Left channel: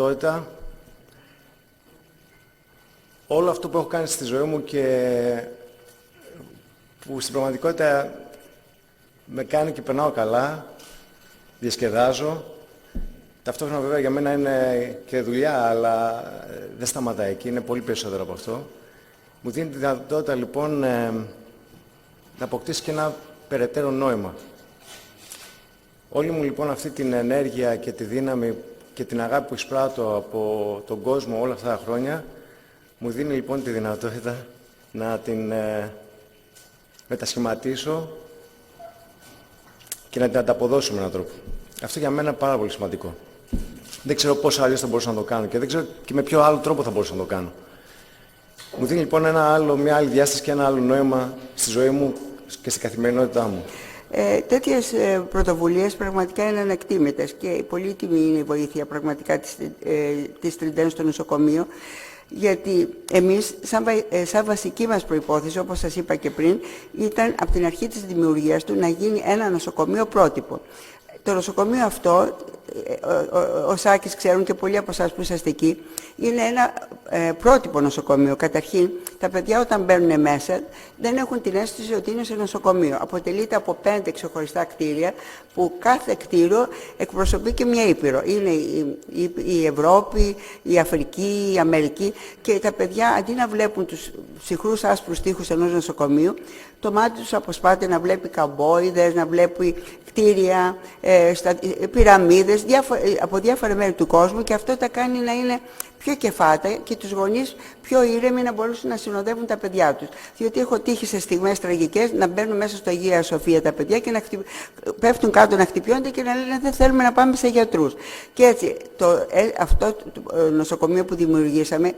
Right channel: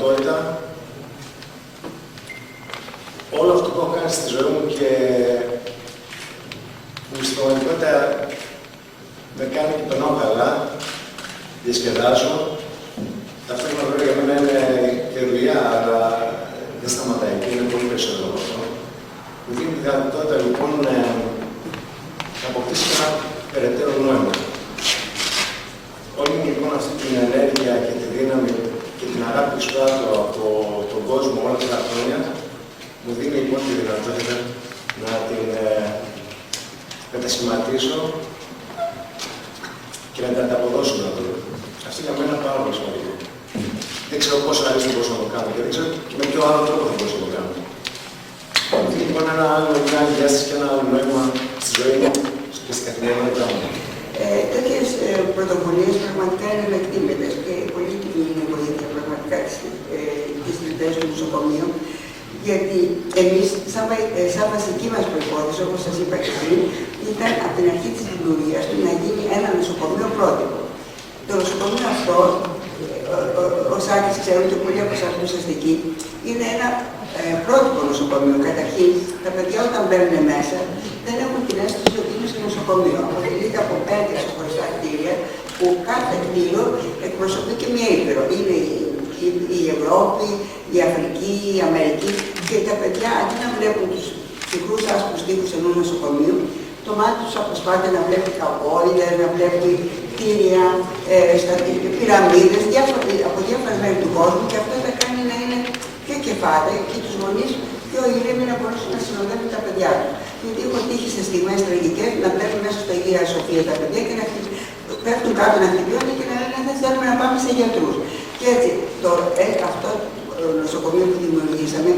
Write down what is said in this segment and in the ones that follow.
δυνατότητα όλο αυτό που έχω κάνει στη ζωή μου και που στην πραγματικότητα με κάνει και περνάω καλά, διασκεδάζω. Ταυτόχρονα βέβαια για μένα είναι και δουλειά, αλλά δεν σταματάει και είναι πολύ περισσότερο από αυτό. Μου δίνει τη δυνατότητα λοιπόν να αποκτήσει και ένα περαιτέρω νόημα. Όλη λοιπόν αυτή την ενέργεια και τη δύναμη και την αγάπη που εισπράττω από τον κόσμο όλα αυτά τα χρόνια, μου δίνει λοιπόν τη δυνατότητα να την μετασχηματίζω και να την ανταποδώσω να το. Αυτό για μένα είναι πάρα πολύ σημαντικό. Δεν ξέρω πόσο αλλιώς θα μπορούσα να το κάνω και δεν ξέρω και με ποιο άλλο τρόπο θα μπορούσα να το κάνω. Μου δίνει λοιπόν μια άλλη διάσταση και ένα άλλο νόημα στη ζωή μου και στην καθημερινότητά μου. Τέτοιες πρωτοβουλίες πραγματικά είναι ανεκτήμητες και πολύ τιμή είναι η βοήθεια πραγματικά της Τριτές στο νοσοκομείο, γιατί εμείς, σαν βασική μας προϋπόθεση, όπως σας είπα και πριν, ήταν από την αρχή της δημιουργίας του να γίνει ένα νοσοκομείο πρότυπο. Το νοσοκομείο αυτό, ο Σάκης ξέρουν και πολλοί από εσάς που είσαστε εκεί, είναι ένα πρότυπο νοσοκομείο. Καταρχήν, τα παιδιά όταν μπαίνουν μέσα δεν έχουν την αίσθηση ότι είναι σε νοσοκομείο. Αποτελείται από 5 ξεχωριστά κτίρια, που κάθε κτίριο εκπροσωπεί και μια ήπειρο. Είναι η Ευρώπη, η Αφρική, η Αμερική και τα παιδιά αντί να βλέπουν τους ψυχρούς άσπρους τοίχους ενός νοσοκομείου, το μάτι τους αποσπάται να βλέπει καβόιδες, να βλέπει κτίρια, πυραμίδες από διάφορα μέρη του κόσμου και αυτό τα κάνει να είναι πιο κεφάτα και τους γονείς πιο ήρεμοι να μπορούν να συνοδεύουν τα παιδιά τους. Γιατί έχω τύχει σε στιγμές τραγικές να μπαίνουν μέσα στο Αγία Σοφία τα παιδιά και να πέφτουν κάτω να χτυπιώνται και να λένε δεν θέλουμε να πάμε σε γιατρούς. Και έτσι αυτό το νοσοκομείο που δημιουργήσαμε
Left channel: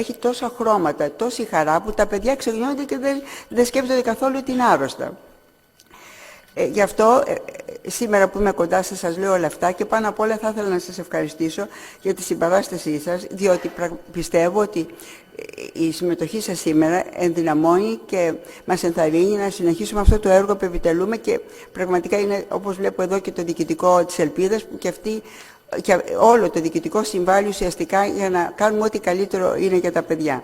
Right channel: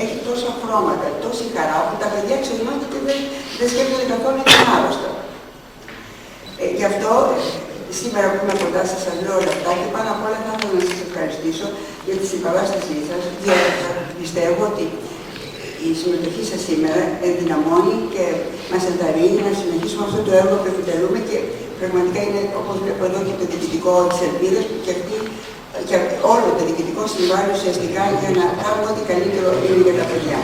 έχει τόσα χρώματα, τόση χαρά που τα παιδιά ξεχνιόνται και δεν σκέφτονται καθόλου την άρρωστα. Γι' αυτό σήμερα που είμαι κοντά σας λέω όλα αυτά και πάνω απ' όλα θα ήθελα να σας ευχαριστήσω για τη συμπαράστασή σας, διότι πιστεύω ότι η συμμετοχή σας σήμερα ενδυναμώνει και μας ενθαρρύνει να συνεχίσουμε αυτό το έργο που επιτελούμε και πραγματικά είναι, όπως βλέπω εδώ, και το διοικητικό της Ελπίδας και όλο το διοικητικό συμβάλλει ουσιαστικά για να κάνουμε ό,τι καλύτερο είναι για τα παιδιά.